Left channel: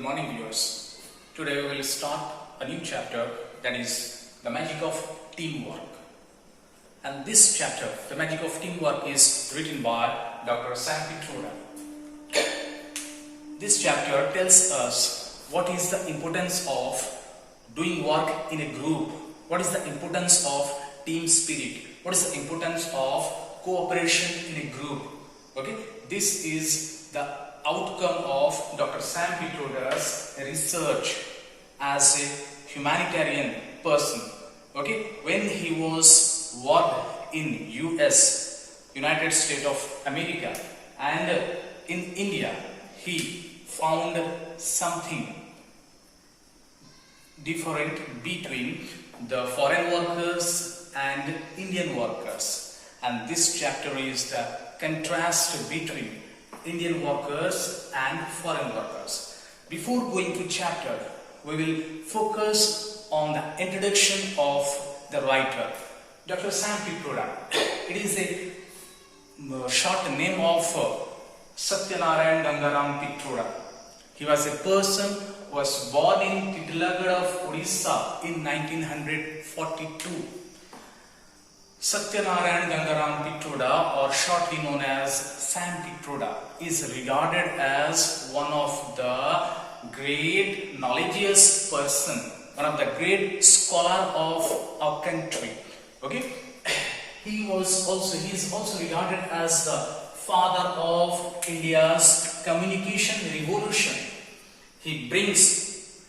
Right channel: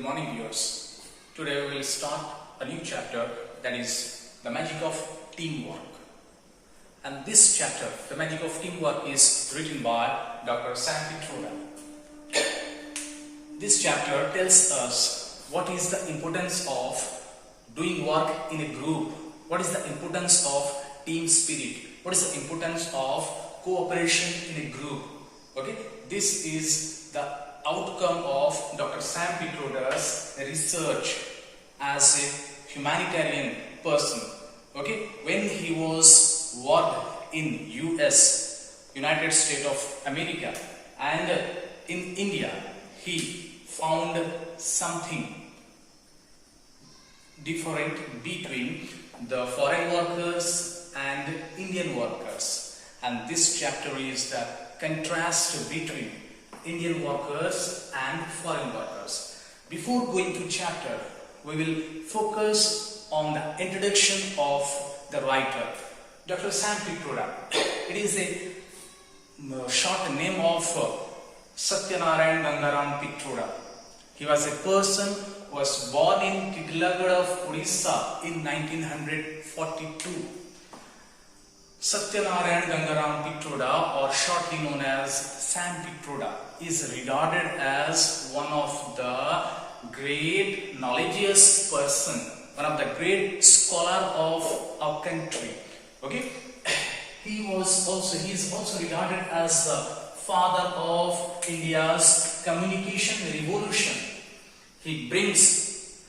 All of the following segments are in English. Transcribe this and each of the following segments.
Good morning, viewers. Today we will start a new chapter, that is the magic of teamwork. And this chapter, the magic of teamwork, is written by Dr. Sam Pitroda. This chapter tells us what is the importance of doing work in a group, what is the importance of team spirit, what is the importance of cooperation in a group. Okay, this is the outcome of Dr. Sam Pitroda's research as a humanitarian person. Okay, when he was worked in US, United States of America, and in India, he found something different between the foreign workers and Indian workers. And this chapter is the contrast between Indian workers and foreign workers. Before going to chapter, we will focus on the introduction of the writer, Dr. Sam Pitroda. It is a short name of Satyanarayan Gangaram Pitroda. He was a person who was born in Titlagarh of Odisha in 1942. Satyanarayan Gangaram Pitroda, or shortly known as Sam Pitroda, is regarded as one of the great knowledgeous person, one of the great scholar of our country. Okay, he is also regarded as the father of India's communication revolution. He brings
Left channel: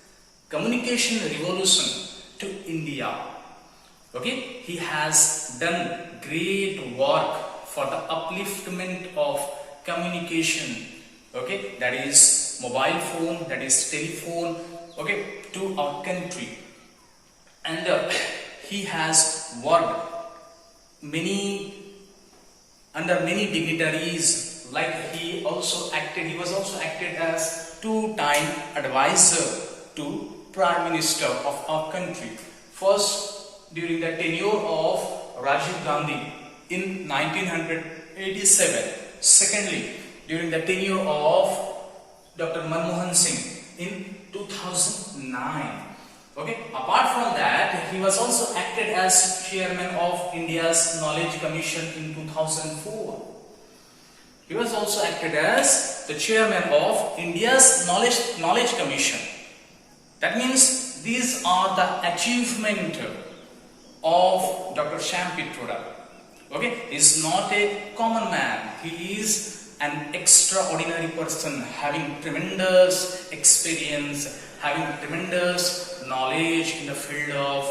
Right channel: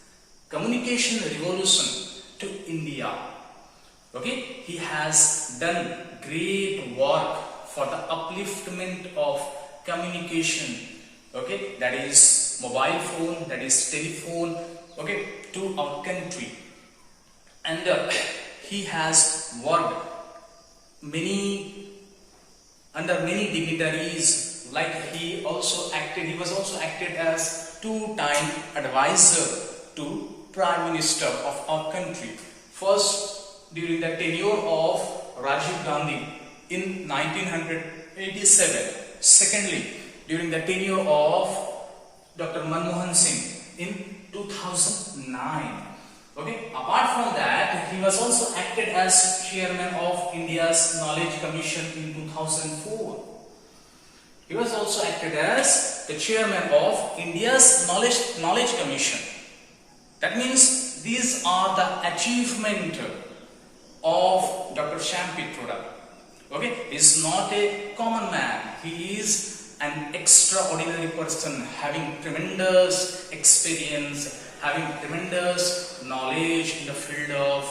communication revolution to India. Okay, he has done great work for the upliftment of communication. Okay, that is mobile phone, that is telephone, okay, to our country. And he has worked under many dignitaries. Like he was also acted as two-time advisor to Prime Minister of our country. First, during the tenure of Rajiv Gandhi in 1987. Secondly, during the tenure of Dr. Manmohan Singh in 2009. Okay. Apart from that, he was also acted as chairman of India's Knowledge Commission in 2004. He was also acted as the chairman of India's Knowledge Commission. That means these are the achievements of Dr. Sam Pitroda. Okay, he is not a common man. He is an extraordinary person, having tremendous experience, having tremendous knowledge in the field of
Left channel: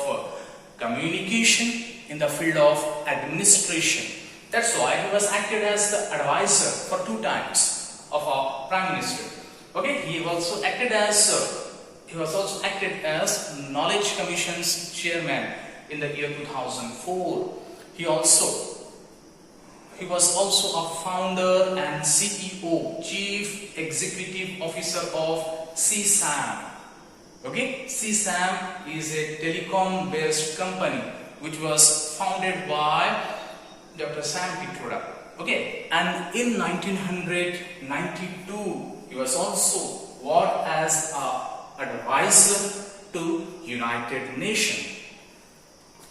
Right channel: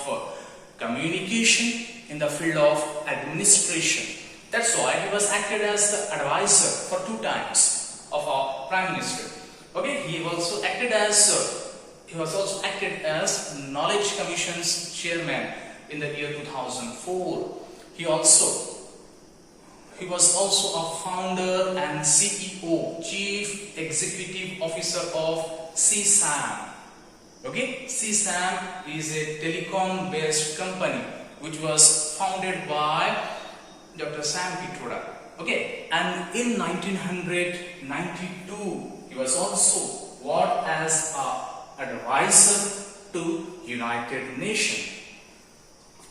communication, in the field of administration. That's why he was acted as the advisor for 2 times of our Prime Minister. Okay, he was also acted as Knowledge Commission's chairman in the year 2004. He was also a founder and CEO, Chief Executive Officer of CSAM. Okay, CSAM is a telecom-based company which was founded by Dr. Sam Pitroda. Okay, and in 1992, he was also worked as an advisor to United Nations.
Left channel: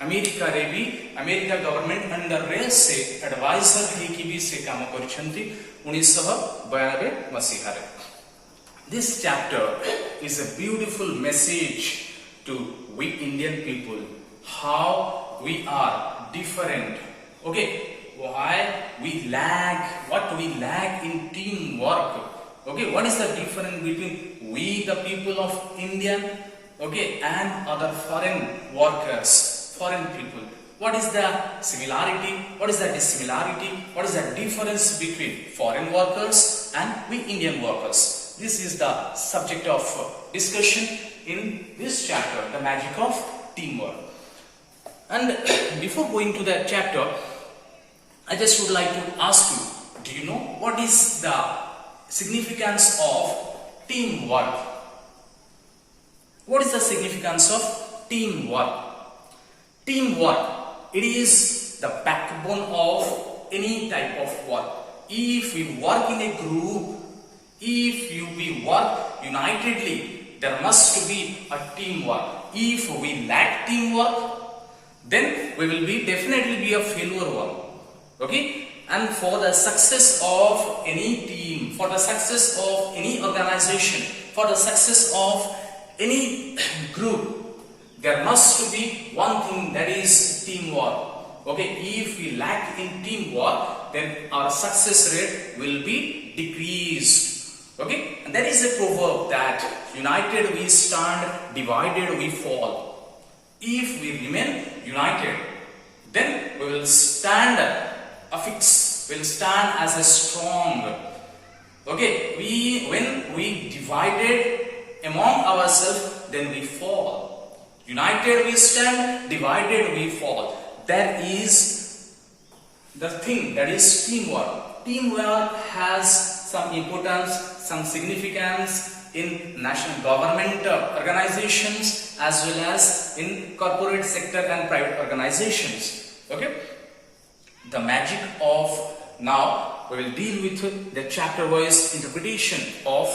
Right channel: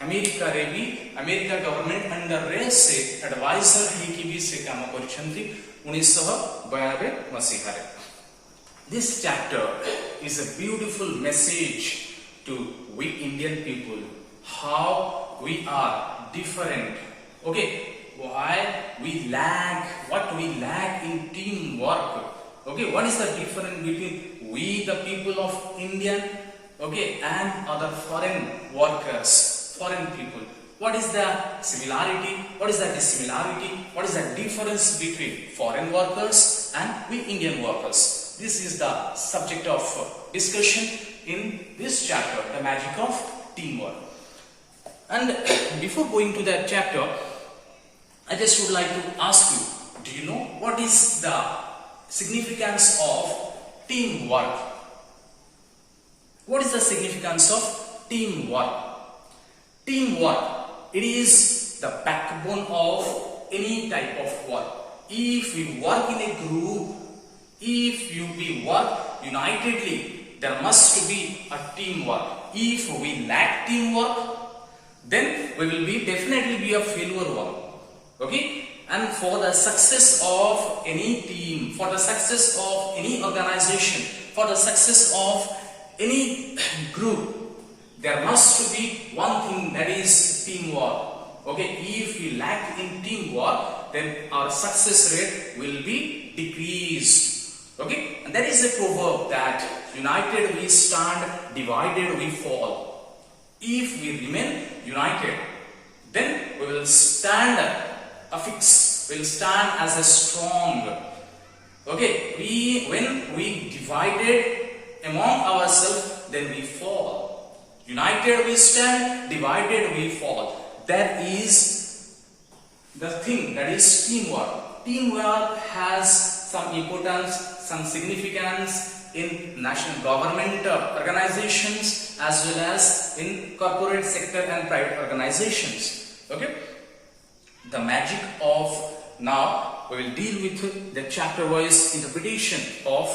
American government under से advisor ହେଇକି भी से काम କରିଛନ୍ତି 1992 ମସିହାରେ. This chapter is a beautiful message to we Indian people, how we are different. Okay, why we lack, what we lack in teamwork. Okay, what is the difference between we the people of Indian, okay, and other foreign workers, foreign people? What is the similarity? What is the dissimilarity? What is the difference between foreign workers and we Indian workers? This is the subject of discussion in this chapter, the magic of teamwork. And before going to that chapter, I just would like to ask you, do you know what is the significance of teamwork? What is the significance of teamwork? Teamwork, it is the backbone of any type of work. If we work in a group, if we work unitedly, there must be a teamwork. If we lack teamwork, then we will definitely be a failure one. Okay? And for the success of any team, for the success of any organization, for the success of any group, there must be one thing, that is teamwork. Okay, if we lack in teamwork, then our success rate will be decreased. Okay, and that is a proverb that united we stand, divided we fall. If we remain united, then we will stand affix, will stand as a strong. Okay, when we divided among ourselves, then we fall. United we stand, divided we fall. That is the thing, that is teamwork. Teamwork has some importance, some significance in national government organizations as well as in corporate sector and private organizations. Okay, the magic of, now we will deal with the chapter wise interpretation of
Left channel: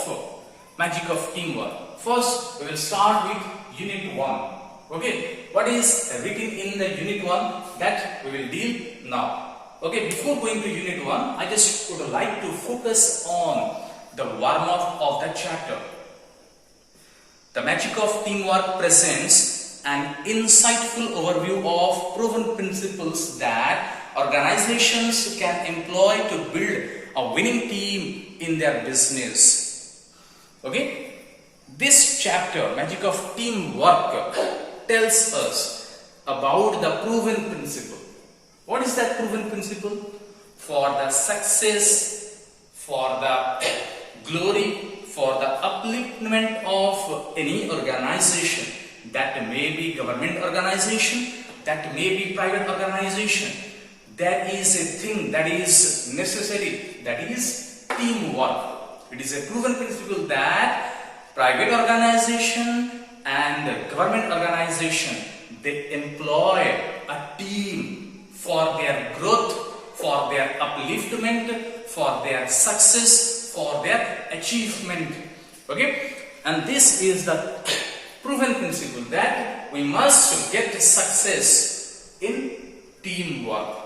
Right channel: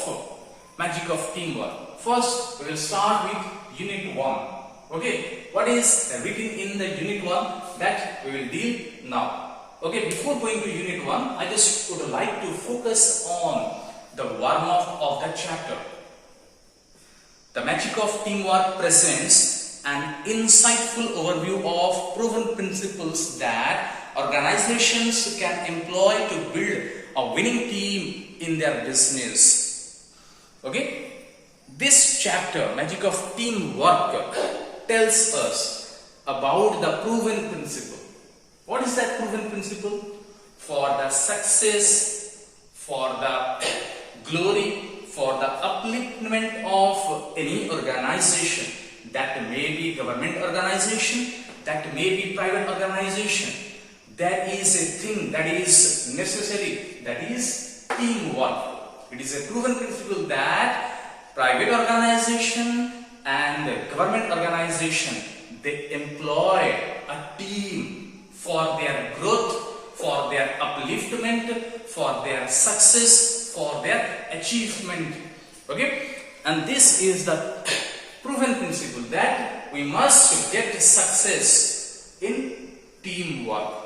magic of teamwork. First we will start with Unit 1. Okay, what is written in the Unit 1, that we will deal now. Okay, before going to Unit 1, I just would like to focus on the warm-up of the chapter. The magic of teamwork presents an insightful overview of proven principles that organizations can employ to build a winning team in their business. Okay, this chapter, Magic of Teamwork, tells us about the proven principle. What is that proven principle? For the success, for the glory, for the upliftment of any organization, that may be government organization, that may be private organization, there is a thing that is necessary, that is teamwork. It is a proven principle that private organization and government organization, they employ a team for their growth, for their upliftment, for their success, for their achievement. Okay, and this is the proven principle that we must get success in teamwork.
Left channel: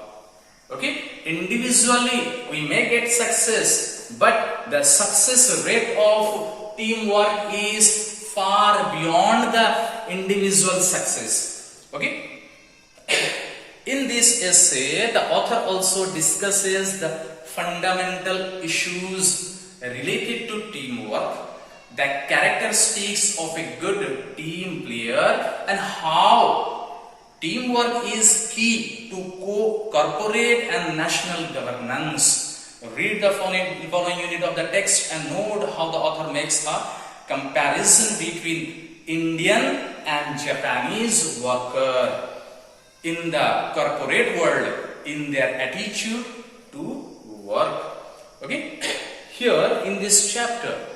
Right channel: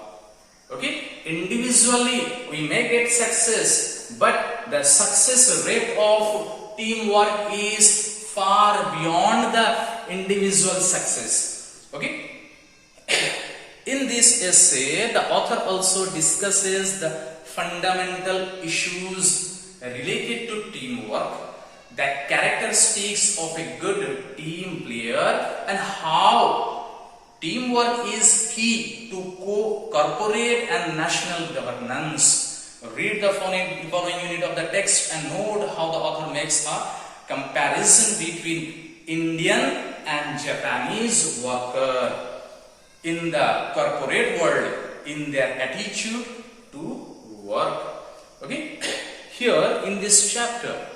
Okay, individually we may get success, but the success rate of teamwork is far beyond the individual success. Okay, in this essay the author also discusses the fundamental issues related to teamwork, the characteristics of a good team player, and how teamwork is key to corporate and national governance. Read the following unit of the text and note how the author makes a comparison between Indian and Japanese worker in the corporate world, in their attitude to work. Okay, here in this chapter,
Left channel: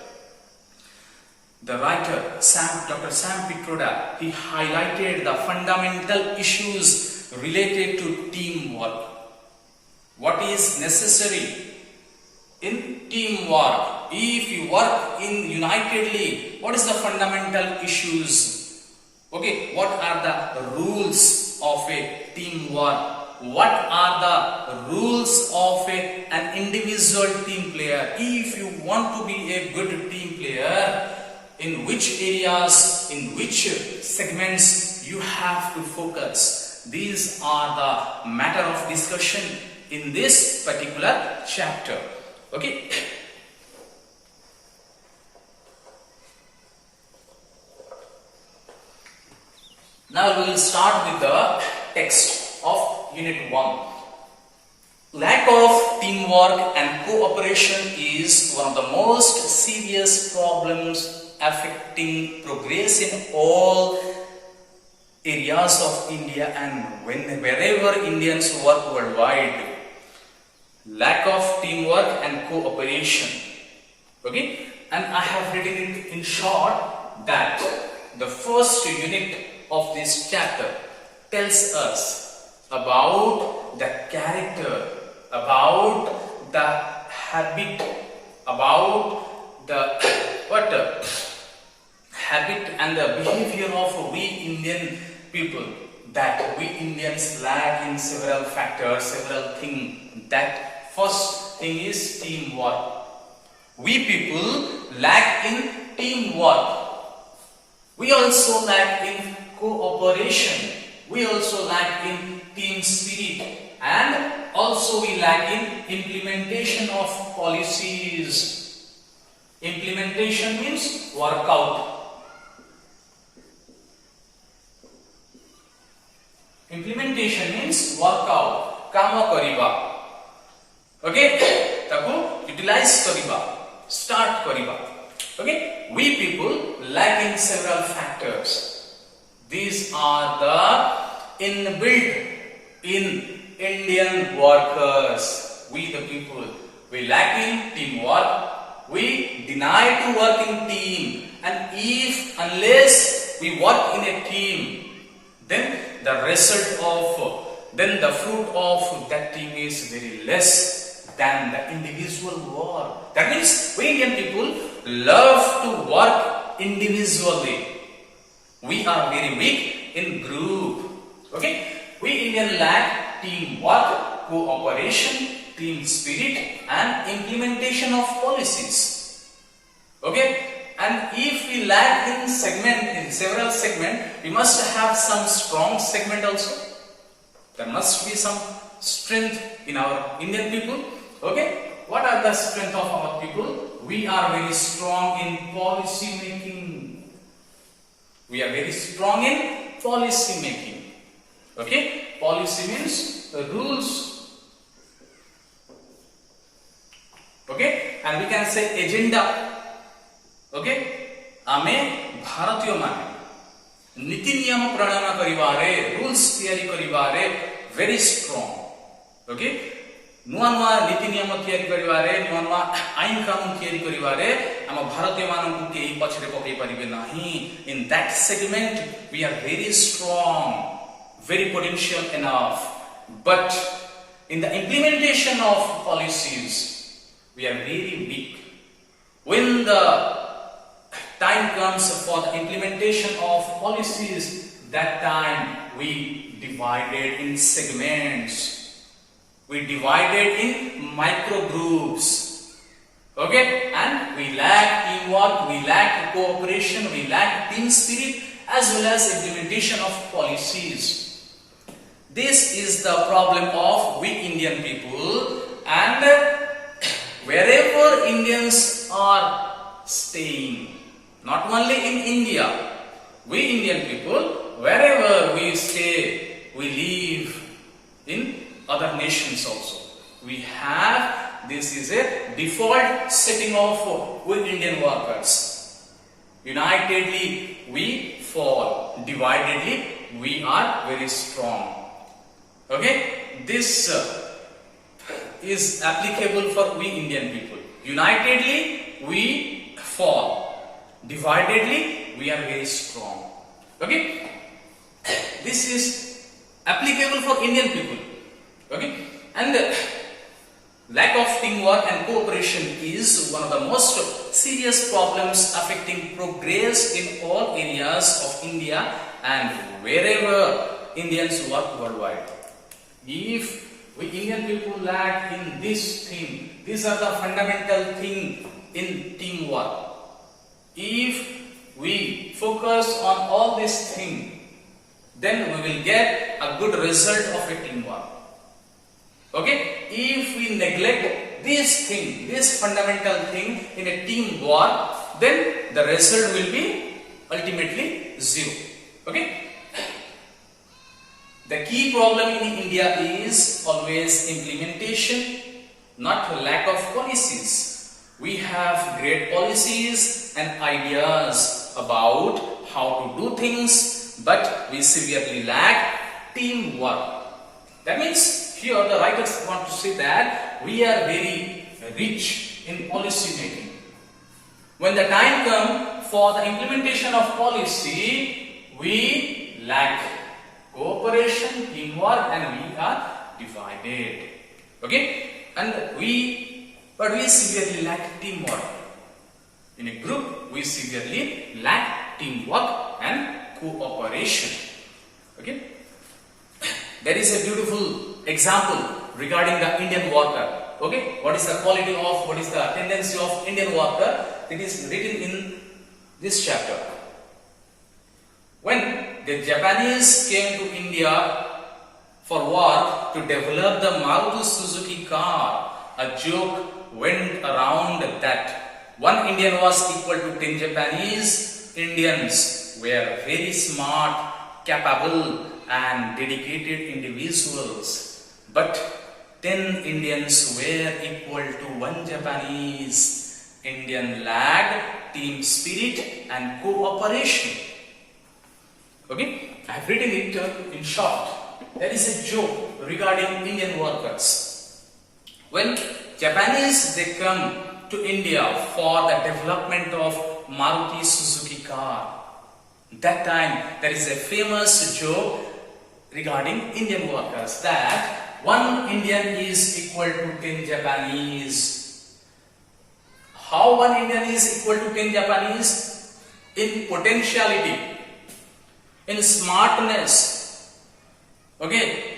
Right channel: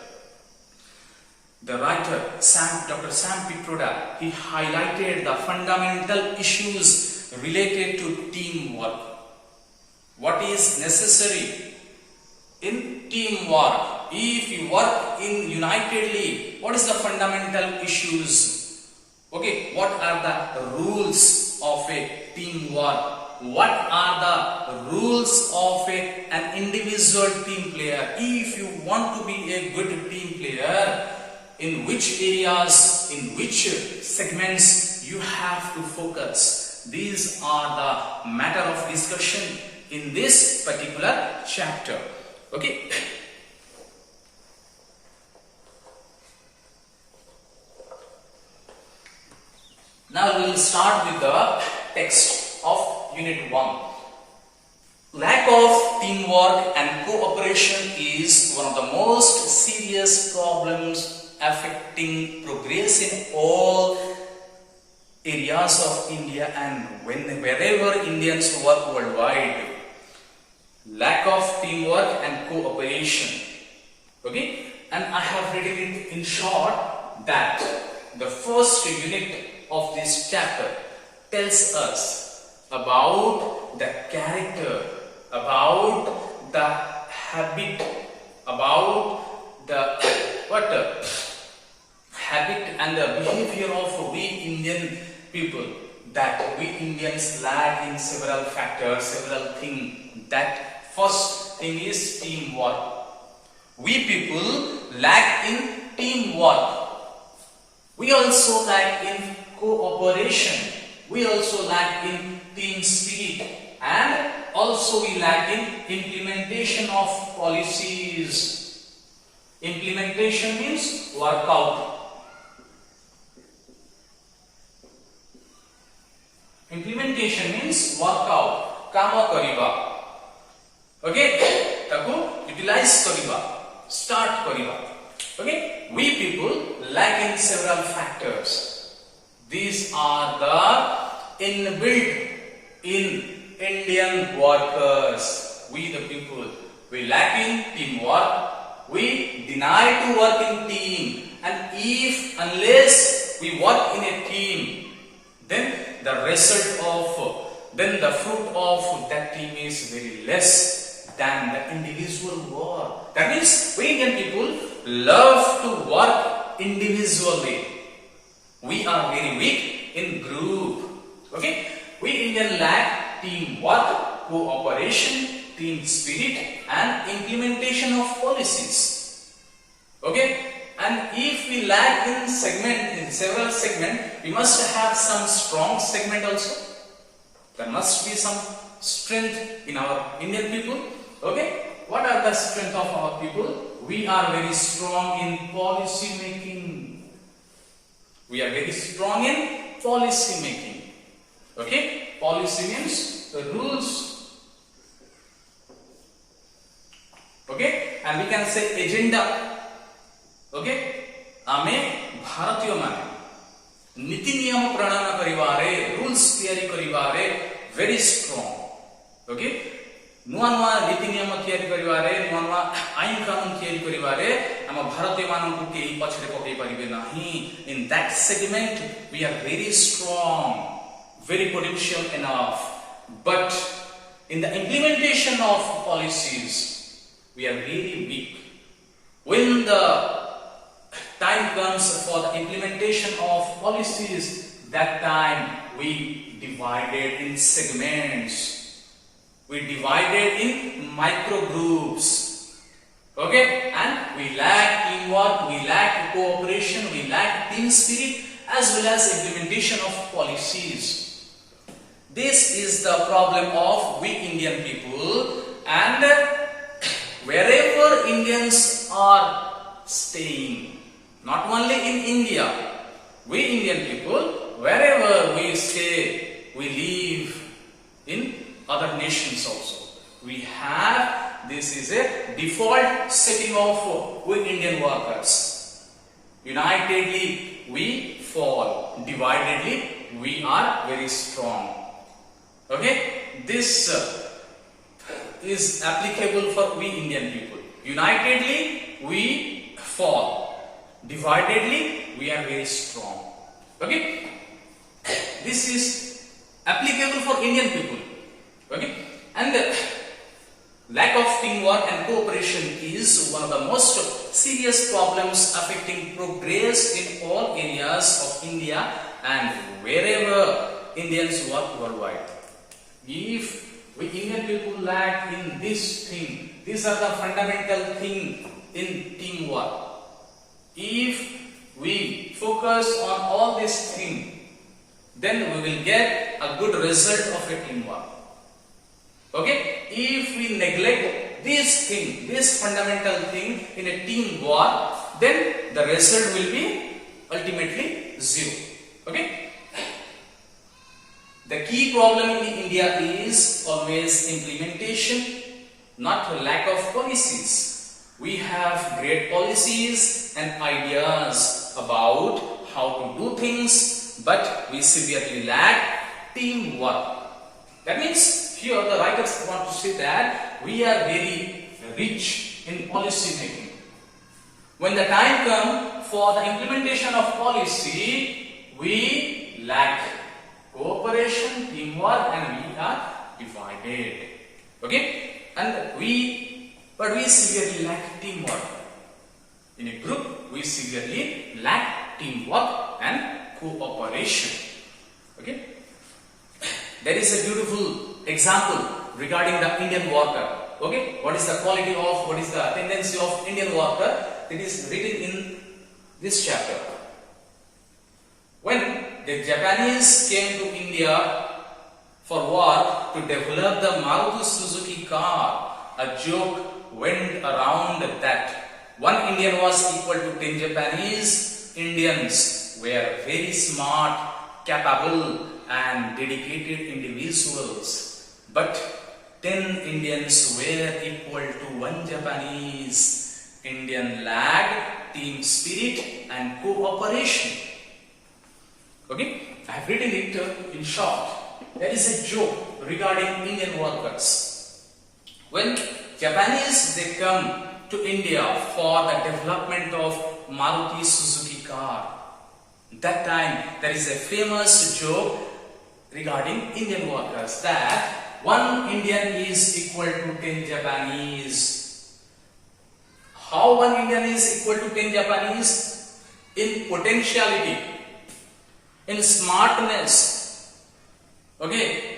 the writer Dr. Sam Pitroda, he highlighted the fundamental issues related to teamwork. What is necessary in teamwork? If you work in unitedly, what is the fundamental issues? Okay, what are the rules of a teamwork? What are the rules of an individual team player? If you want to be a good team player, in which areas, in which segments you have to focus? These are the matter of discussion in this particular chapter. Okay. Now we will start with the text of Unit 1. Lack of teamwork and cooperation is one of the most serious problems affecting progress in all areas of India and wherever Indians work worldwide. Lack of teamwork and cooperation. Okay, and I have written it in short that the first unit of this chapter tells us about the character, about the habit, about the what habit and the behavior of we Indian people, that we Indians lack in several factors, several things. That first thing is teamwork. We people lack in teamwork. We also lack in cooperation. We also lack in team spirit, and also we lack in implementation of policies. Implementation means workout. Implementation means workout. Kama kariba. Okay? Taku utilize kariba. Start kariba. Okay? We people lack in several factors. These are the inbuilt in Indian workers. We the people, we lack in teamwork. We deny to work in team. And unless we work in a team, then the fruit of that team is very less than the individual work. That means we Indian people love to work individually. We are very weak in group. Okay? We Indian lack teamwork, cooperation, team spirit, and implementation of policies. Okay? And if we lack in several segments, we must have some strong segment also. There must be some strength in our Indian people. Okay? What are the strength of our people? We are very strong in policy making. We are very strong in policy making. Okay? Policy means the rules. Okay? And we can say agenda. Okay? Ame Bharatiyo mane niti niyam pranana karibare, rules tiyari karibare very strong. Okay? नुआ नुआ नीति नियम तैयारी करिवारे, नुआ नुआ आईन कानून तैयारी करिवारे हम भारतीय मानव के पछरे पकई परिबे नहीं. In that segment we are very strong, very potential enough, but in the implementation of policies we are very weak. When the time comes for the implementation of policies, that time we divided in segments. We divided in micro groups. Okay? And we lack teamwork, we lack cooperation, we lack team spirit, as well as implementation of policies. This is the problem of we Indian people, and wherever Indians are staying, not only in India, we Indian people, wherever we stay, we live in other nations also. We have, this is a default setting of we Indian workers. Unitedly we fall, dividedly we are very strong. Okay? This is applicable for we Indian people. Unitedly we fall, dividedly we are very strong. Okay? This is applicable for Indian people. Okay? And lack of teamwork and cooperation is one of the most serious problems affecting progress in all areas of India and wherever Indians work worldwide. If we Indian people lack in this thing, these are the fundamental thing in teamwork. If we focus on all these things, then we will get a good result of a teamwork. Okay? If we neglect this thing, this fundamental thing in a teamwork, then the result will be ultimately zero. Okay? The key problem in India is always implementation, not lack of policies. We have great policies and ideas about how to do things, but we severely lack teamwork. That means here the writers want to say that we are very rich in policy making. When the time comes for the implementation of policy, we lack cooperation, teamwork, and we are divided. Okay? But we severely lack teamwork. In a group, we severely lack teamwork and cooperation. Okay? There is a beautiful example regarding the Indian worker. Okay? What is the quality of, what is the tendency of Indian worker? It is written in this chapter. When the Japanese came to India for work to develop the Maruti Suzuki car, a joke went around that one Indian was equal to 10 Japanese Indians were very smart, capable and dedicated individuals. But 10 Indians were equal to 1 Japanese Indian. Lacked team spirit and cooperation. Okay, I have written it in short. There is a joke regarding Indian workers. When Japanese they come to India for the development of Maruti Suzuki car, that time there is a famous joke regarding Indian workers that one Indian is equal to 10 Japanese. How one Indian is equal to 10 Japanese? In potentiality, in smartness. Okay,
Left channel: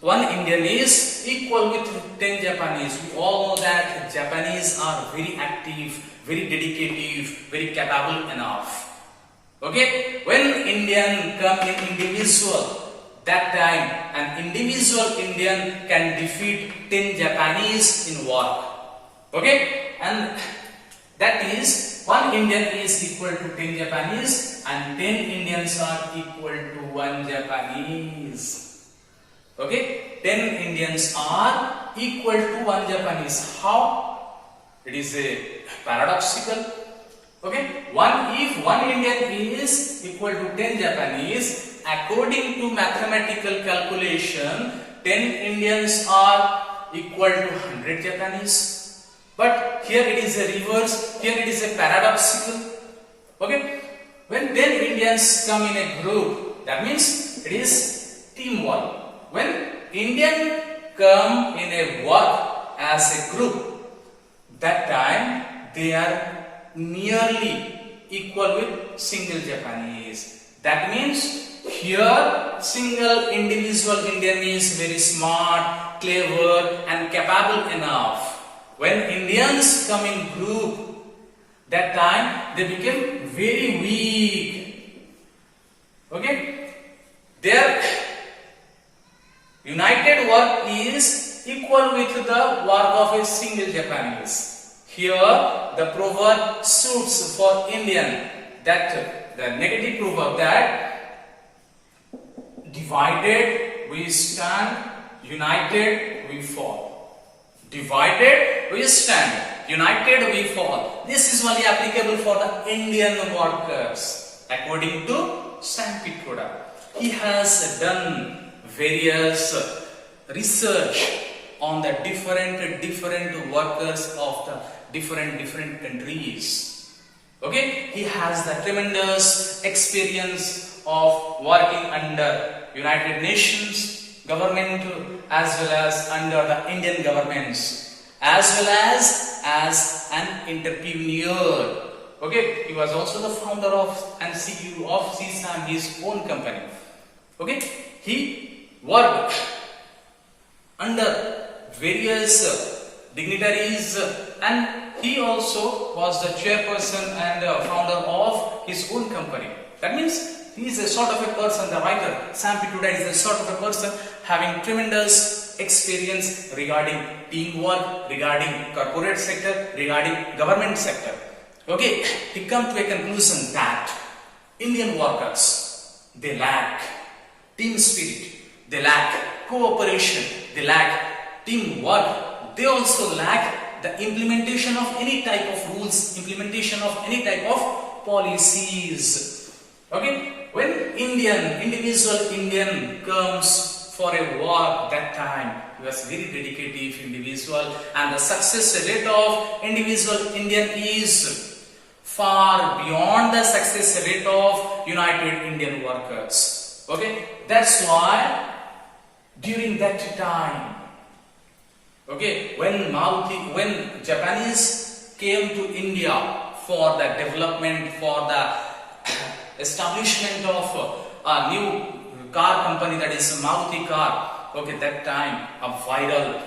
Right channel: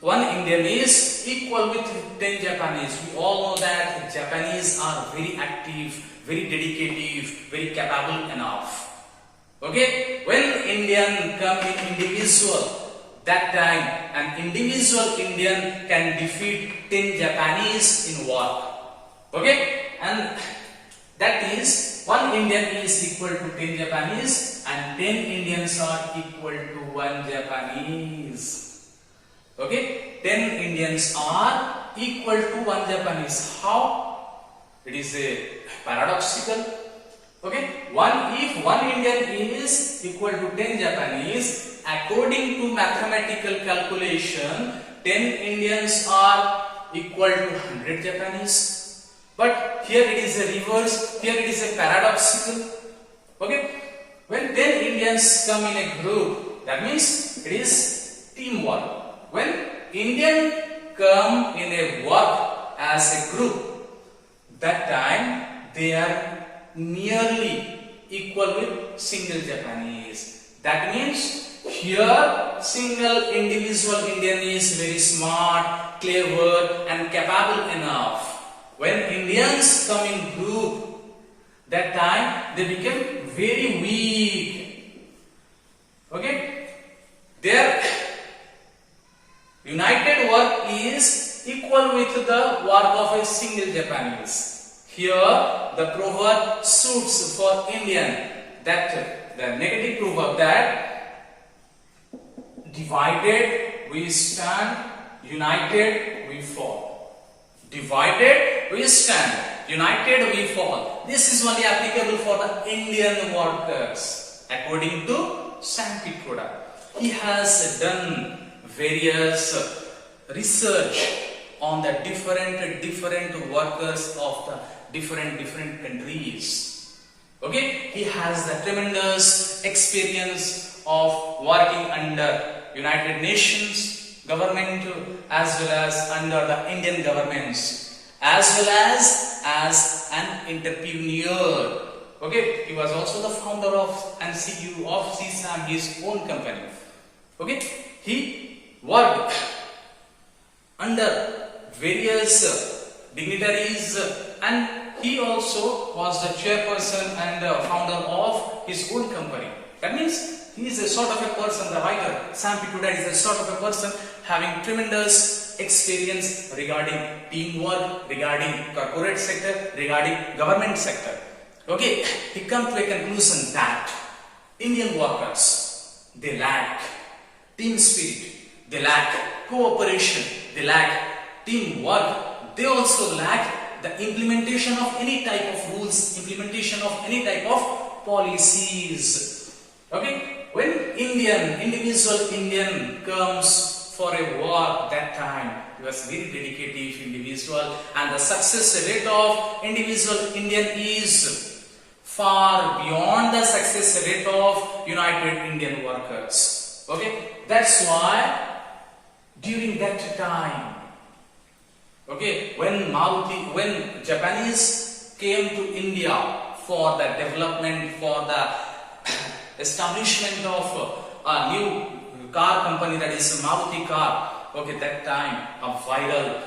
one Indian is equal with 10 Japanese. We all know that Japanese are very active, very dedicated, very capable enough. Okay, when Indian come in individual, that time an individual Indian can defeat 10 Japanese in war. Okay, and that is one Indian is equal to 10 Japanese and 10 Indians are equal to 1 Japanese. Okay, 10 Indians are equal to 1 Japanese. How? It is a paradoxical. Okay, if one Indian is equal to 10 Japanese, according to mathematical calculation, 10 Indians are equal to 100 Japanese. But here it is a reverse, here it is a paradoxical. Okay, when 10 Indians come in a group, that means it is teamwork. When Indian come in a work as a group, that time they are nearly equal with single Japanese. That means here single individual Indian is very smart, clever and capable enough. When Indians come in group, that time they became very weak. Okay, their united work is equal with the work of a single Japanese. Here the proverb suits for Indian, that the negative proverb that divided we stand, united we fall. Divided we stand, united we fall. This is only applicable for the Indian workers. According to Sam Pitroda, he has done various research on the different workers of the different countries. Okay, he has the tremendous experience of working under United Nations government as well as under the Indian governments, as well as an entrepreneur. Okay, he was also the founder of and CEO of CSAM, his own company. Okay, he worked under various dignitaries and he also was the chairperson and founder of his own company. That means he is a sort of a person, the writer Sam Pitroda is a sort of a person having tremendous experience regarding teamwork, regarding corporate sector, regarding government sector. Okay, he come to a conclusion that Indian workers, they lack team spirit, they lack cooperation, they lack teamwork, they also lack the implementation of any type of rules, implementation of any type of policies. Okay, when individual Indian comes for a work, that time he was very dedicated individual and the success rate of individual Indian is far beyond the success rate of United Indian workers. Okay, that's why during that time, okay, when Japanese came to India for the development, for the establishment of a new car company, that is Maruti car. Okay, that time a viral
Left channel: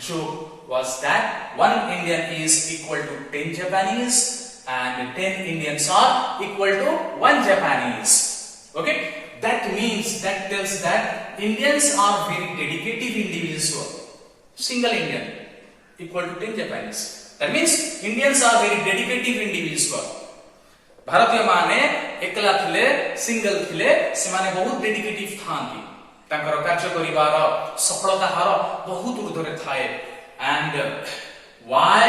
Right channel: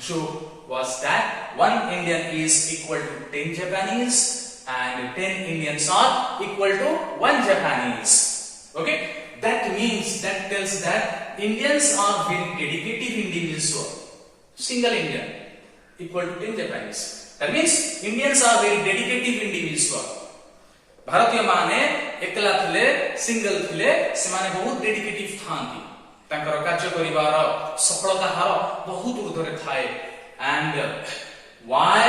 joke was that 1 Indian is equal to 10 Japanese and 10 Indians are equal to 1 Japanese. Okay, that means, that tells that Indians are very dedicated individual. Single Indian equal to 10 Japanese. That means Indians are very dedicated individual. भारतीय माने एकला थिले, single थिले, सेमाने बहुत डेडिकेटिव थांती, तांकर कार्य करिवार सफलता हार बहुत ऊर्ध्वरे थाए. And why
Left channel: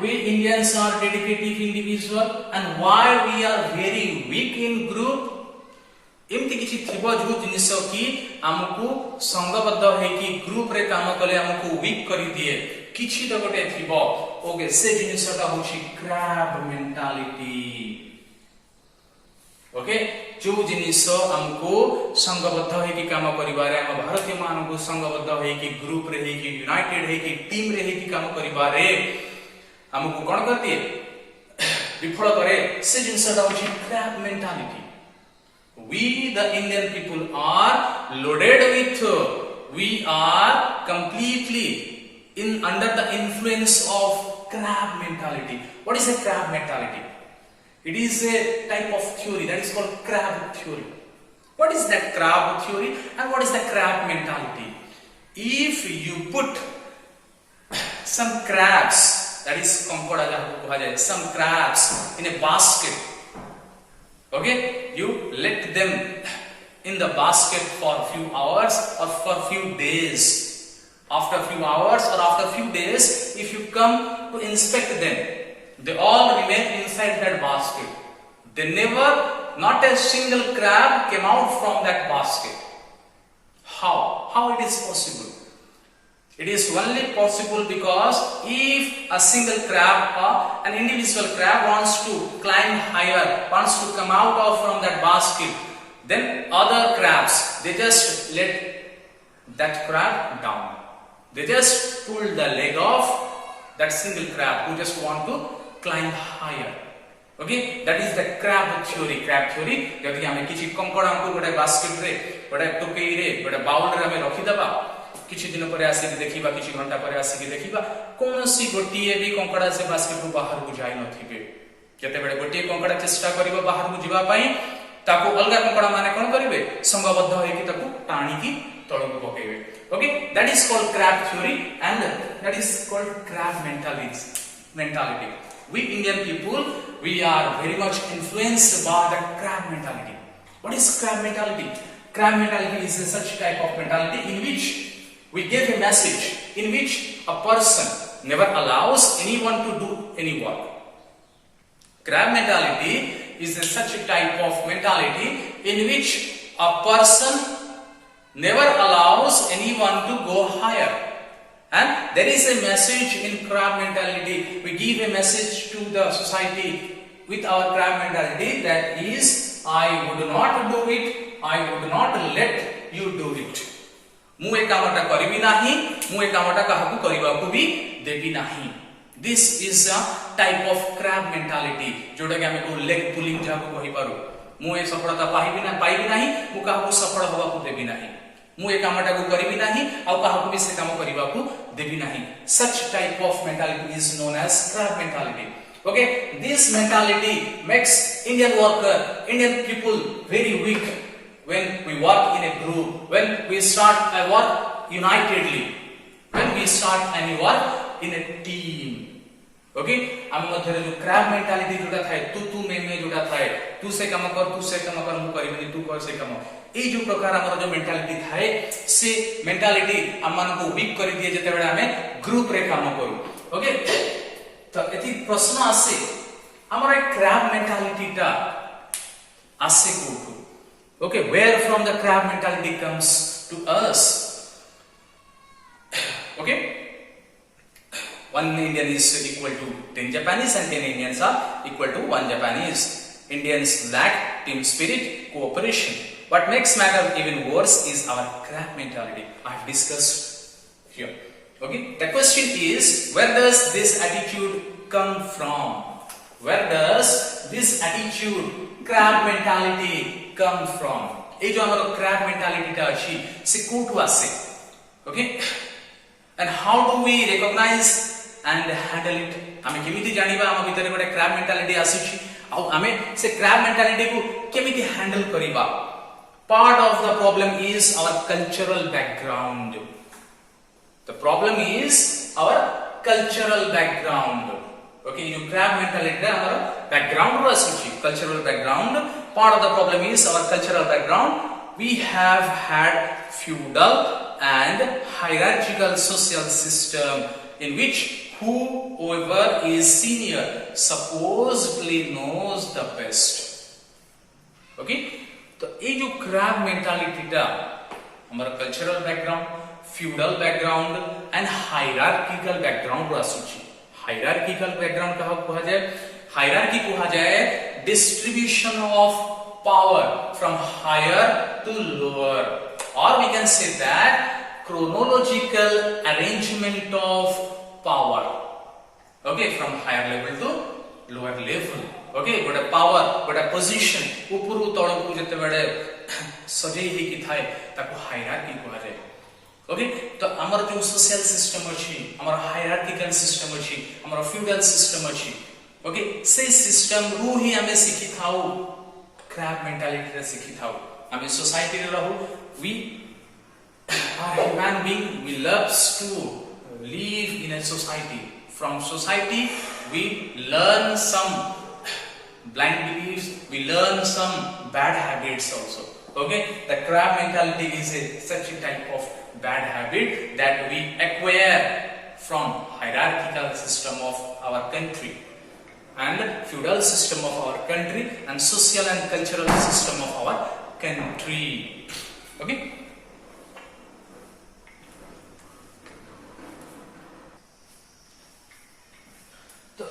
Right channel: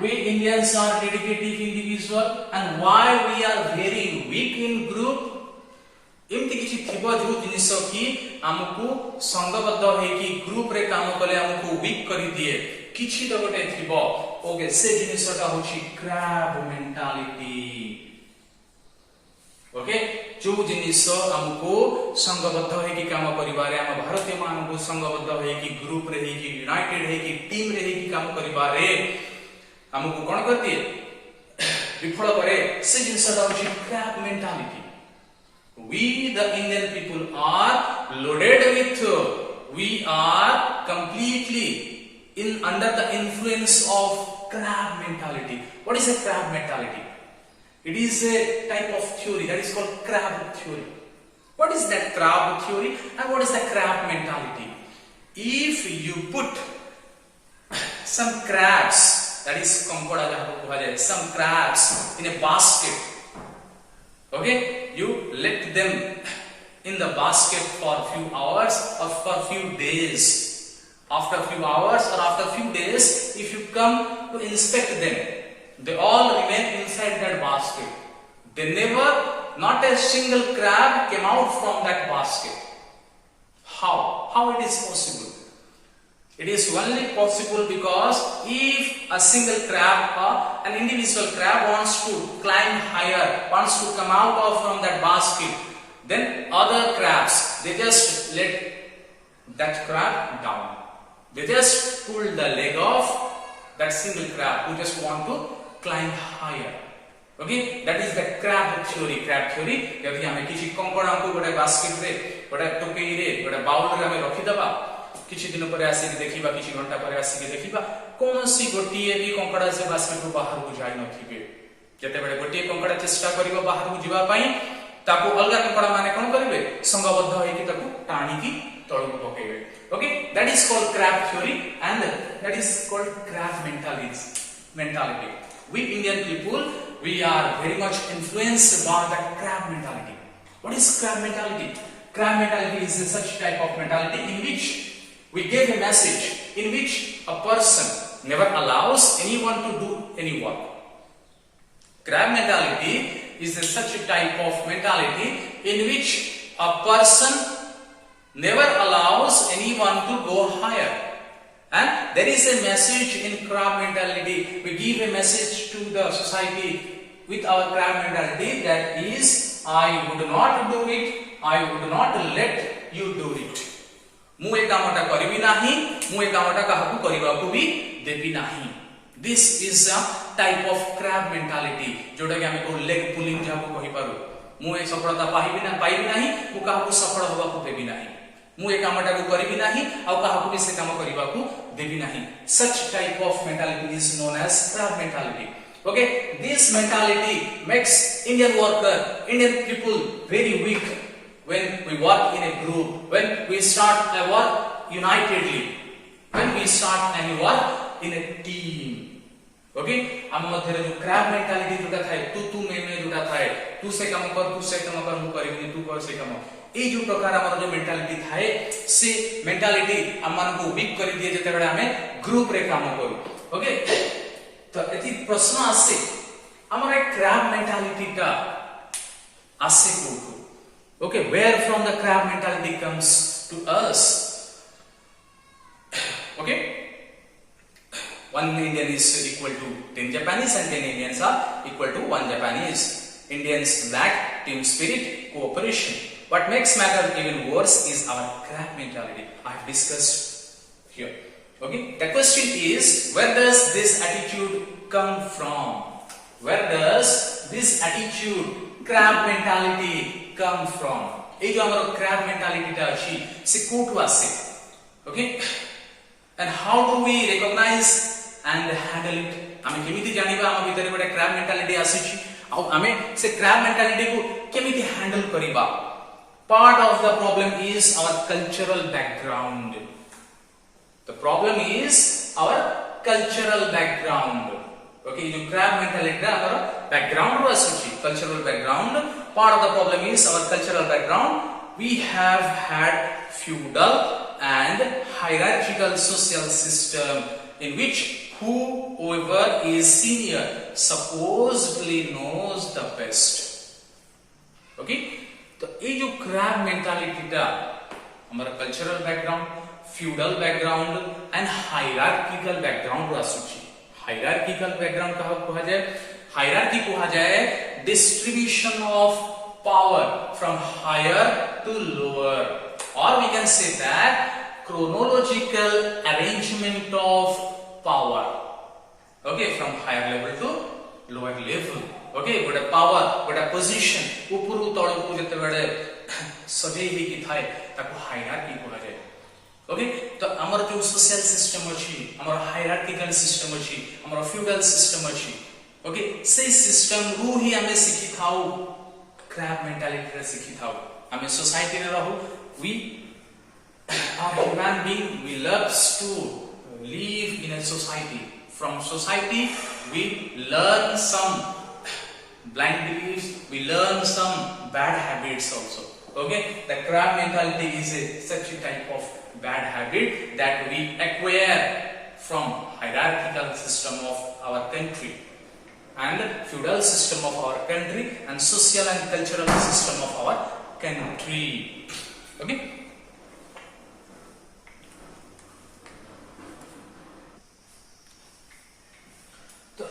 we Indians are dedicated individual and why we are very weak in group? एमती किछि थिबो जो जिनिस की हमकु संगबद्ध हेकी ग्रुप रे काम कले हमकु वीक करि दिए, किछि तो गोटे थिबो. ओके, से जिनिसटा होछि क्रैब मेंटालिटी. ओके, जो जिनिस हमको संगबद्ध हेकी काम करिबारे, हम भारतीय मानकु संगबद्ध हेकी ग्रुप रे हेकी यूनाइटेड हेकी टीम रे हेकी काम करिबारे हमकु कोन करती विफल करे, से जिनिसटा होछि crab mentality. We the Indian people are loaded with, we are completely under the influence of crab mentality. What is a crab mentality? It is a type of theory that is called crab theory. What is that crab theory and what is the crab mentality? If you put some crabs, that is some crabs in a basket, okay, you let them in the basket for a few hours or for a few days. After a few hours or after a few days, if you come to inspect them, they all remain inside that basket. They never, not a single crab came out from that basket. How? How it is possible? It is only possible because if a single crab or an individual crab wants to climb higher, wants to come out of from that basket, then other crabs, they just let that crab down. They just pull the leg off that single crab who just want to climb higher. Okay, that is the crab theory. Crab theory, जब हमें किसी कंकड़ा को बड़े basket रे, बड़े टोकरी रे, बड़े बाउल रे हमें रखी दबा, किसी दिन पर आसे देखिबा, किसी घंटा पर आसे देखिबा, कोनसी गोटिए भी कंकड़ा से बास्केट को बाहर को जाई नथिबे. केते बेले गोटिए कंकड़ा चेष्टा करिबो बाहर को जिबा पई, ताको अलगा कंकड़ा माने कोन करिवे, संगबद्ध होइकी ताको टाणी की तळको पकेइबे. Okay, that is called crab theory and that is called crab mentality. We Indian people, we are very much influenced by the crab mentality. What is crab mentality? Crab mentality is such type of mentality in which we give a message in which a person never allows anyone to do any work. Crab mentality is such a type of mentality in which a person never allows anyone to go higher. And there is a message in crab mentality. We give a message to the society with our crab mentality, that is, I would not do it, I would not let you do it. ମୁଁ ए कामटा करिबि नाही, ମୁଁ ए कामटा काहाकू करिबाकू भी देबि नाही. This is a type of crab mentality, जोटा कि हमें को leg pulling जाको कहि पारू. ମୁଁ ए सफलता पाइबि नाही, ମୁଁ काहाकू सफल होबाकू देबि नाही. ମୁଁ ए कामटा को करिबि नाही, आ काहाकू भी से काम करिबाकू देबि नाही. Such type of mentality is known as crab mentality. Okay, this mentality makes Indian worker, Indian people very weak. When we work in a group, when we start a work unitedly, when we start any work in a team. Okay, हम मध्य रे जो crab mentality जोटा था, तू मैं जोटा था, तू से काम कर, मु करिबनी, तू कर से काम. ए जो प्रकार हमर जो मेंटालिटी थाए, से मेंटालिटी हमन को वीक करि दिए जते बेले हमें ग्रुप रे काम करू. ओके, तो एथि प्रश्न आसे, हमर ए crab mentality टा आसे कोठु. Okay, where from the crab mentality comes to us? Okay, 1 Indian is equal to 10 Japanese and 10 Indians are equal to 1 Japanese. Indians lack team spirit, cooperation. What makes matter even worse is our crab mentality. I have discussed here. Okay, the question is, where does this attitude come from? Where does this attitude, crab mentality come from? ए जो हमारा crab mentality टा अछि से कोठु आसे. Okay, and how do we recognize and handle it? आमे केमिति जानिबा हम भितर गोटे crab mentality आसी आ आमे से crab mentality को केमिति handle करिबा? Part of the problem is our cultural background. The problem is our cultural background. Okay, you crab mentality our background ro asuchi, cultural background. Part of the problem is our cultural background. We have had feudal and hierarchical social system in which whoever is senior supposedly knows the best. Okay, तो ये जो crab mentality टा हमारा cultural background, feudal background and hierarchical background रो आसुची. Hierarchical background कहा कहा जाए, hierarchy कहा जाए distribution of power from higher to lower, or we can say that chronological arrangement of power. Okay, from higher level to lower level. Okay, गोटे power, गोटे position ऊपरू तळकू जते बेडे सजेई हे कि थाए ताको hierarchy कहा जाए. ओके, तो हमर जो सोशल सिस्टम अछि, हमर हायरार्किकल सिस्टम अछि, हमर फ्यूडल सिस्टम अछि. ओके, से सिस्टम रू ही हमें सिखि थाउ क्रैब मेंटालिटी रे सिखि थाउ. हमें सोसाइटी रे रहू, we are human being, we loves to live in a society. From society we learn some blind beliefs, we learn some bad habits also. Okay, the crab mentality is such a type of bad habit that we acquire from hierarchical system of our country and feudal system of our country and social and cultural system of our country. Okay, so,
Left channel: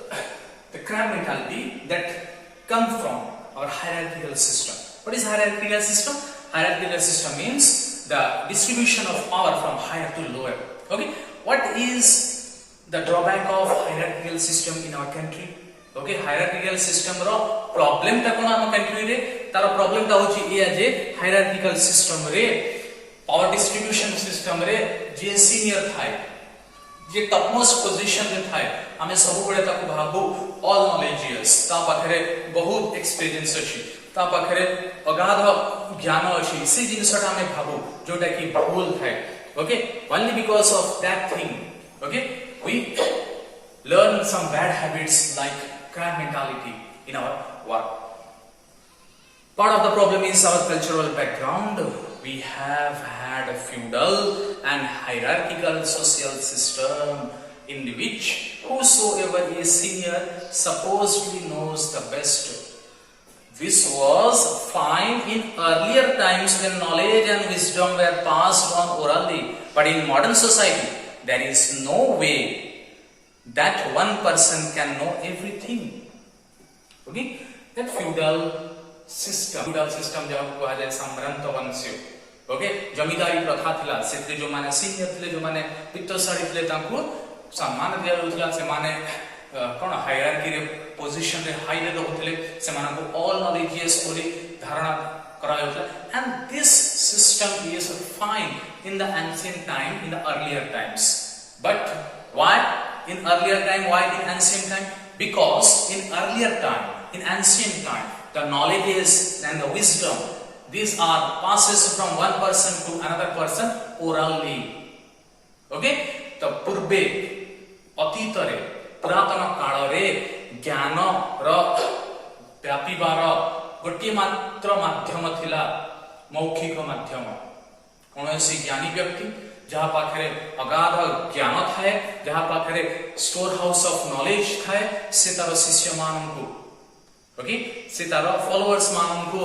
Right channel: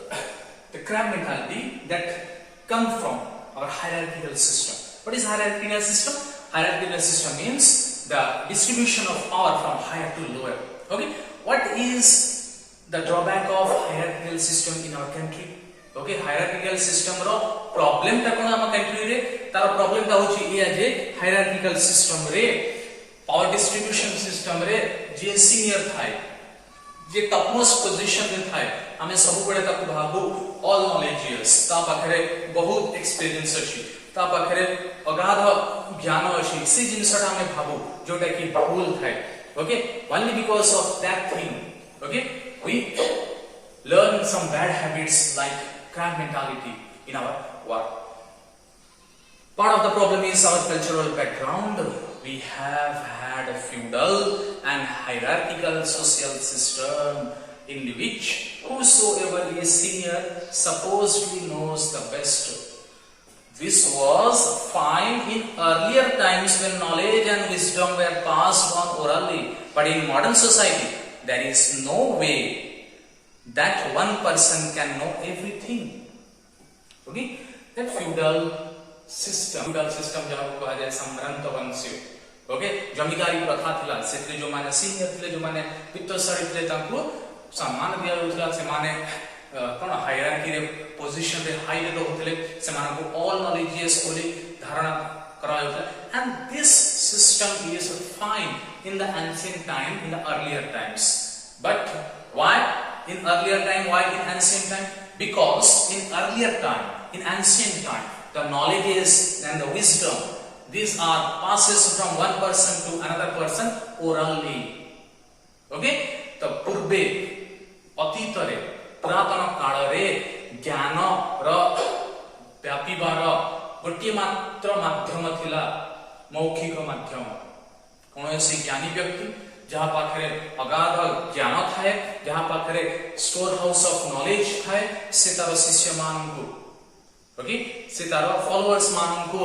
the crab mentality that come from our hierarchical system. What is hierarchical system? Hierarchical system means the distribution of power from higher to lower. Okay, what is the drawback of hierarchical system in our country? Okay, hierarchical system ro problem ta कोन हम country रे तार problem ता होची ए जे hierarchical system रे power distribution system रे जे senior थाए जे topmost position रे थाए हमें सब बडे ताको भाबू all knowledgeous ता पाखरे बहुत experience अछि, ता पाखरे अगाध ज्ञान अछि, से जिनसटा हमें भाबू जोटा कि भूल थाए. Okay, only because of that thing, okay, we learn some bad habits like crab mentality in our work. Part of the problem is our cultural background. We have had a feudal and hierarchical social system in which whosoever is senior supposedly knows the best. This was fine in earlier times when knowledge and wisdom were passed on orally, but in modern society there is no way that one person can know everything. Okay, that feudal system जहाँ को कहा जाए सम्भ्रांत वंश. Okay, जमींदारी प्रथा थिला, से जो माने सीनियर थिले, जो माने पित्तशाली थिले, तांको सम्मान दिया जाउथला. से माने कोन हायरार्की रे पोजीशन रे हाई रे रहउथले, से माने को ऑल नॉलेजियस बोली धारणा करा जाउथला. And this system is fine in the ancient time, in the earlier times. But why in earlier time? Why in ancient time? Because in earlier time, in ancient time, the knowledges and the wisdom, these are passes from one person to another person orally. Okay, the पूर्वे अतीतरे पुरातन काल रे ज्ञान र व्यापीबार गोटे मात्र माध्यम थिला मौखिक माध्यम. कौनसी ज्ञानी व्यक्ति जहाँ पाखरे अगाध ज्ञान थाए, जहाँ पाखरे स्टोर हाउस ऑफ नॉलेज थाए, से तार शिष्य माननको, ओके, से तार फॉलोअर्स माननको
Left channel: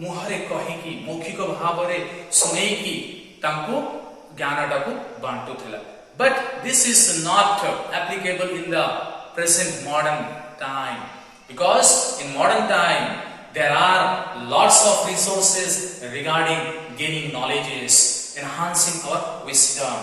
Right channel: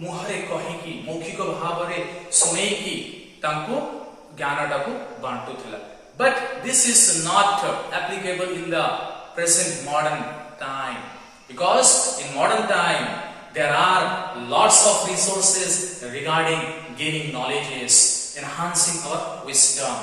मुहरे कहिकी मौखिक भाव रे सुनेकी तांको ज्ञानटाको बांटुथिला. But this is not applicable in the present modern time, because in modern time there are lots of resources regarding gaining knowledges, enhancing our wisdom.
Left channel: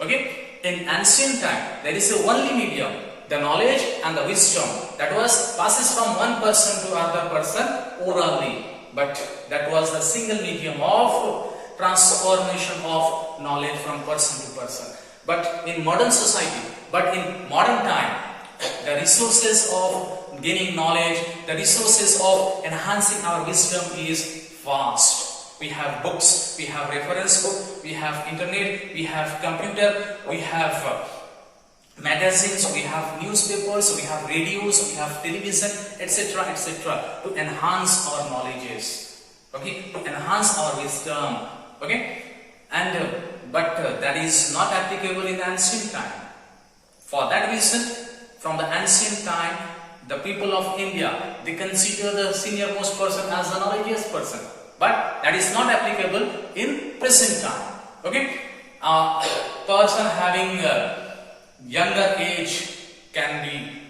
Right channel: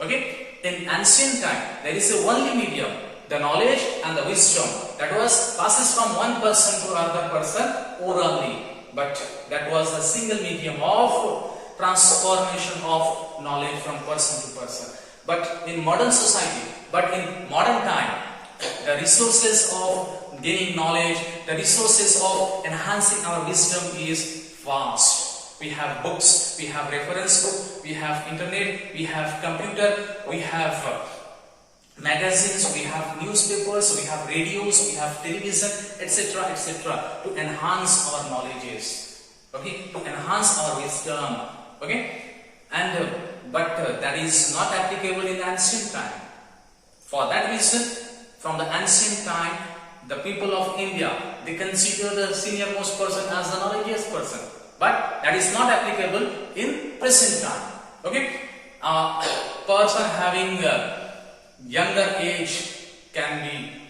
Okay, in ancient time there is a only medium the knowledge and the wisdom that was passes from one person to another person orally, but that was the single medium of transformation of knowledge from person to person. But in modern society, but in modern time, the resources of gaining knowledge, the resources of enhancing our wisdom is vast. We have books, we have reference book, we have internet, we have computer, we have magazines, we have newspapers, we have radios, we have television, etc., etc., to enhance our knowledges, okay, to enhance our wisdom, okay, and but that is not applicable in the ancient time. For that reason, from the ancient time, the people of India, they consider the senior most person as the knowledgeous person, but that is not applicable in present time, okay. A person having younger age can be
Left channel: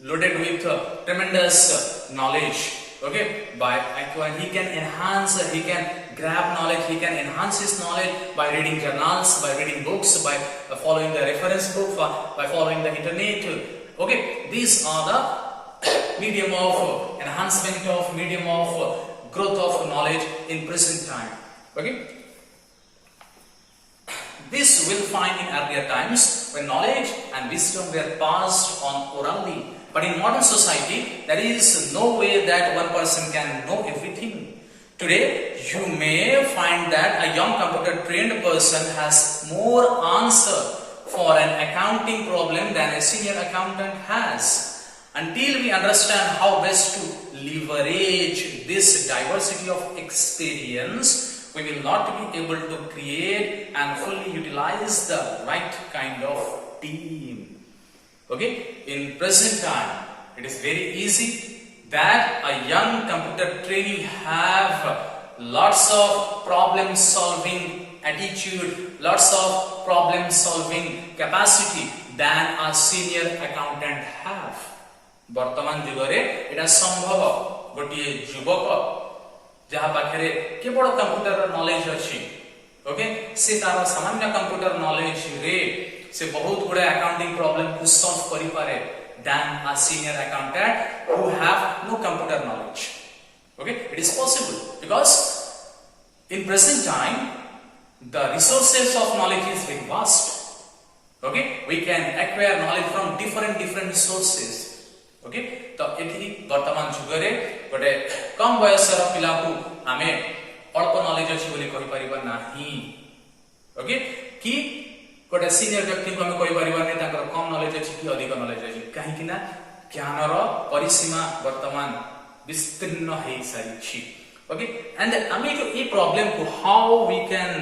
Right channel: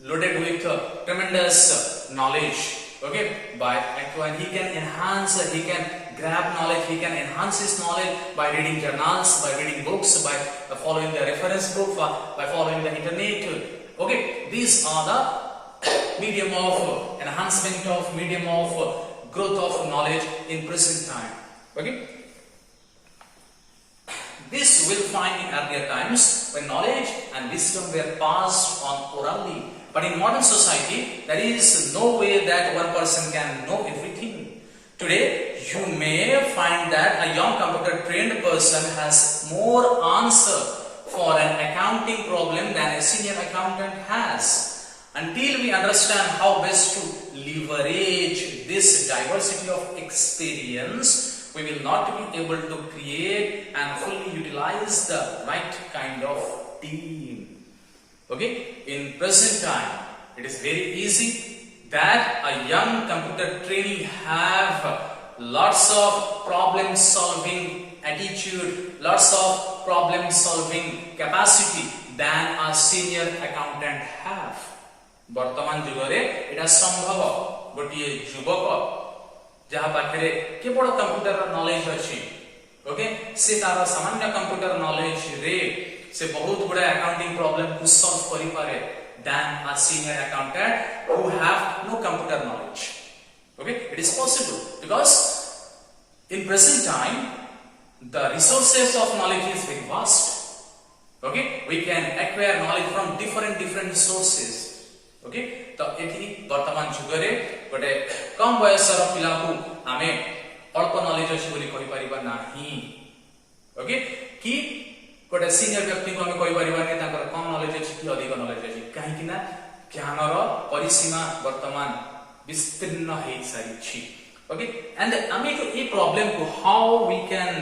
loaded with tremendous knowledge, okay, by acquiring, he can enhance, he can grab knowledge, he can enhance his knowledge by reading journals, by reading books, by following the reference book, by following the internet, okay. These are the medium of enhancement of medium of growth of knowledge in present time, okay. This will find in earlier times when knowledge and wisdom were passed on orally. But in modern society, there is no way that one person can know everything. Today, you may find that a young computer trained person has more answer for an accounting problem than a senior accountant has. Until we understand how best to leverage this diversity of experience, we will not be able to create and fully utilize the right kind of team. Okay, in present time, it is very easy that a young computer trainee have lots of problem solving attitude, lots of problem solving capacity than a senior accountant have. Bartaman jugare eta sambhava gotiye jubaka जहाँ पाखे केवल computer knowledge अच्छी, okay, से तार सामान्य computer knowledge रे से बहुत गुडा अकाउंटिंग प्रॉब्लम को सॉल्व करि पारे than a senior accountant who have no computer knowledge. Okay, it is possible because in present time the resources of knowledge is very vast. Okay, we can acquire knowledge from different sources. Okay, तो एथि वर्तमान जुगरे गोटे कम बयसर पिला को आमे अल्प knowledge अछि बोली कहि परिबा नाही. ओके, कि गोटे सीनियर व्यक्ति को हमें कहि परिबा नै ताकर कम नॉलेज अछि कि अधिक नॉलेज अछि, काहे कि ना ज्ञानर परिसीमा वर्तमान विस्तीर्ण हे सारी छी. ओके, एंड आमे तो ए प्रॉब्लम को how we can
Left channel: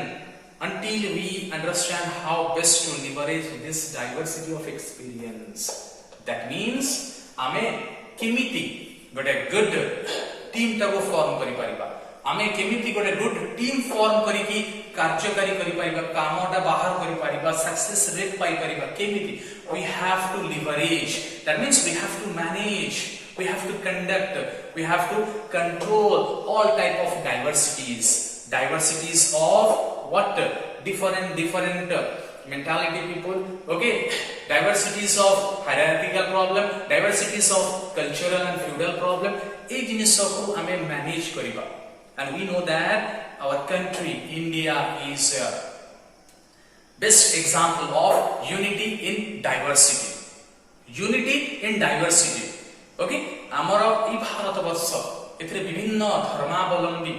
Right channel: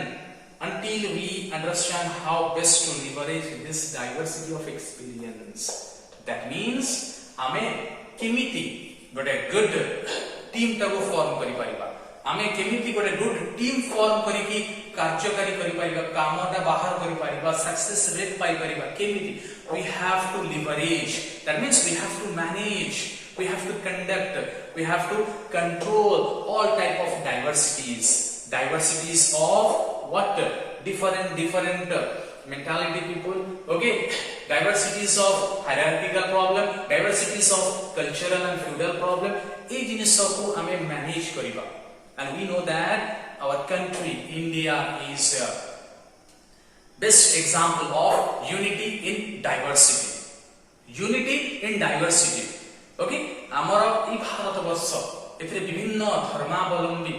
until we understand how best to leverage this diversity of experience. That means आमे केमिति गोटे गुड टीम टाको फॉर्म करि परिबा, आमे केमिति गोटे गुड टीम फॉर्म करि कि कार्यकारी करि परिबा, कामटा बाहर करि परिबा, सक्सेस रेट पाई परिबा, केमिति we have to leverage. That means we have to manage, we have to conduct, we have to control all type of diversities of what different mentality people, okay, diversities of hierarchical problem, diversities of cultural and feudal problem, ए जिनिस को हमें manage करिबा. And we know that our country India is a best example of unity in diversity. Unity in diversity. Okay, हमारा ई भारत वर्ष एथरे विभिन्न धर्मावलंबी,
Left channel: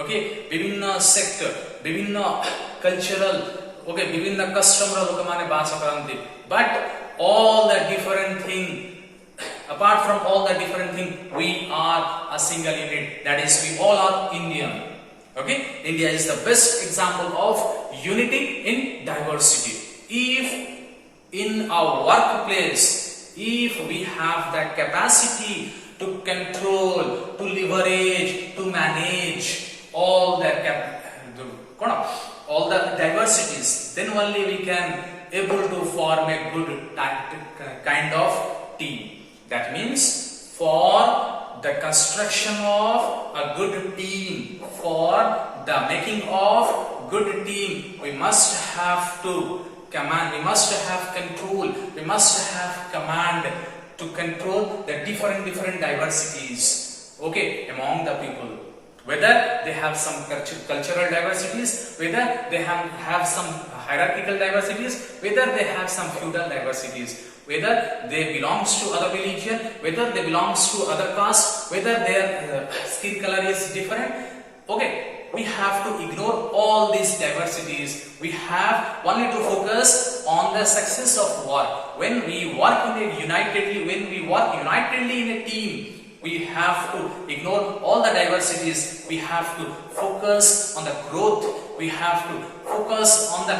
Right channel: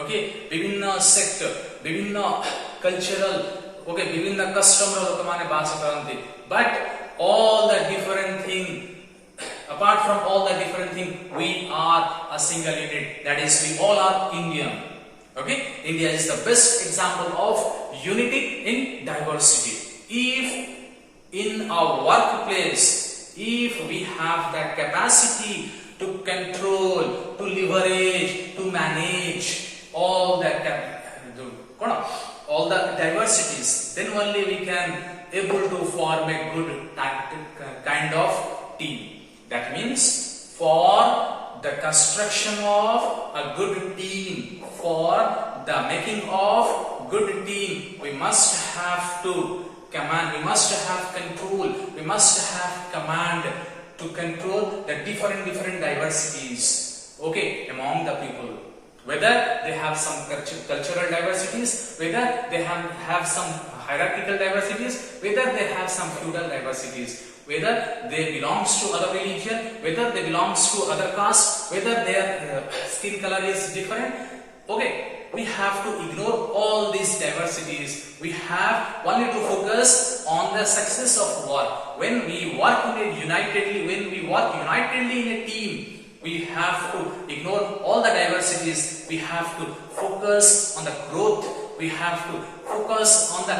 okay, विभिन्न sector, विभिन्न कल्चरल, okay, विभिन्न कस्टम रो लोक माने बास करंती, but all the different thing, apart from all the different thing, we are a single unit, that is we all are Indian. Okay, India is the best example of unity in diversity. If in our workplace, if we have that capacity to control, to leverage, to manage all that all the diversities, then only we can able to form a good kind of team. That means for the construction of a good team, for the making of good team, we must have to command, we must have control, we must have command to control the different diversities, okay, among the people. Whether they have some cultural diversities, whether they have some hierarchical diversities, whether they have some feudal diversities, whether they belongs to other religion, whether they belongs to other caste, whether their skin color is different. Okay, we have to ignore all these diversities. We have only to focus on the success of work. When we work unitedly, when we work unitedly in a team, we have to ignore all the diversities. We have to focus on the growth. We have to focus on the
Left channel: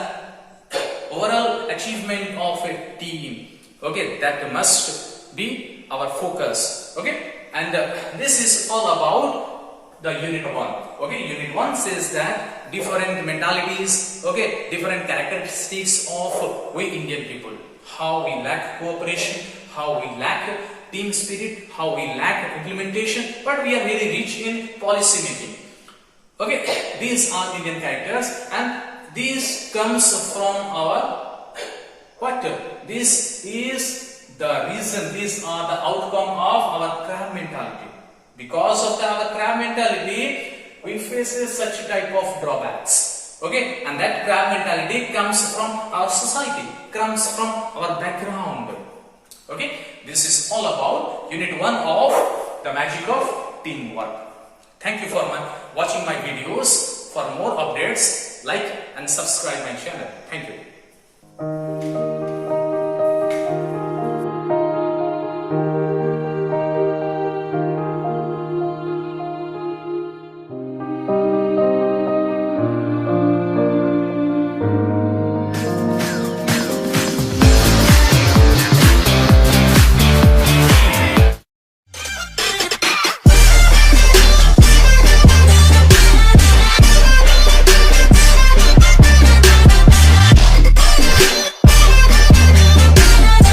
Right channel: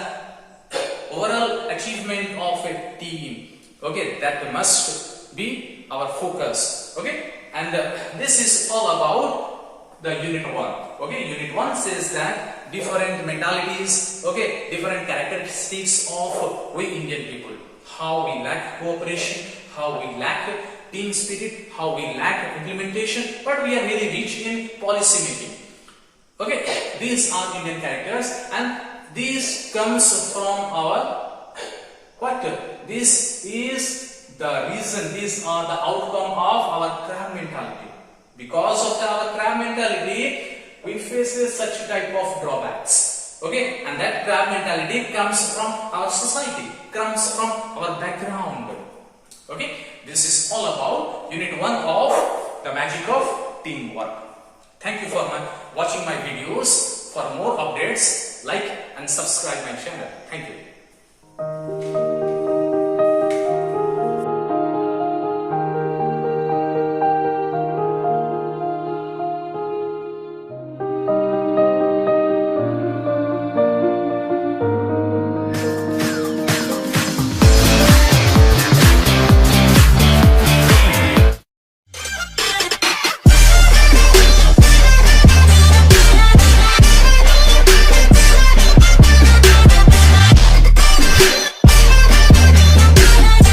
overall achievement of a team. Okay, that must be our focus. Okay, and this is all about the Unit 1. Okay, Unit 1 says that different mentalities, okay, different characteristics of we Indian people. How we lack cooperation, how we lack team spirit, how we lack implementation, but we are really rich in policy making. Okay, these are Indian characters, and these comes from our what? This is the reason, these are the outcome of our crab mentality. Because of our crab mentality, we face such type of drawbacks. Okay, and that crab mentality comes from our society, comes from our background. Okay, this is all about Unit 1 of the magic of teamwork. Thank you for watching my videos. For more updates, like and subscribe my channel. Thank you.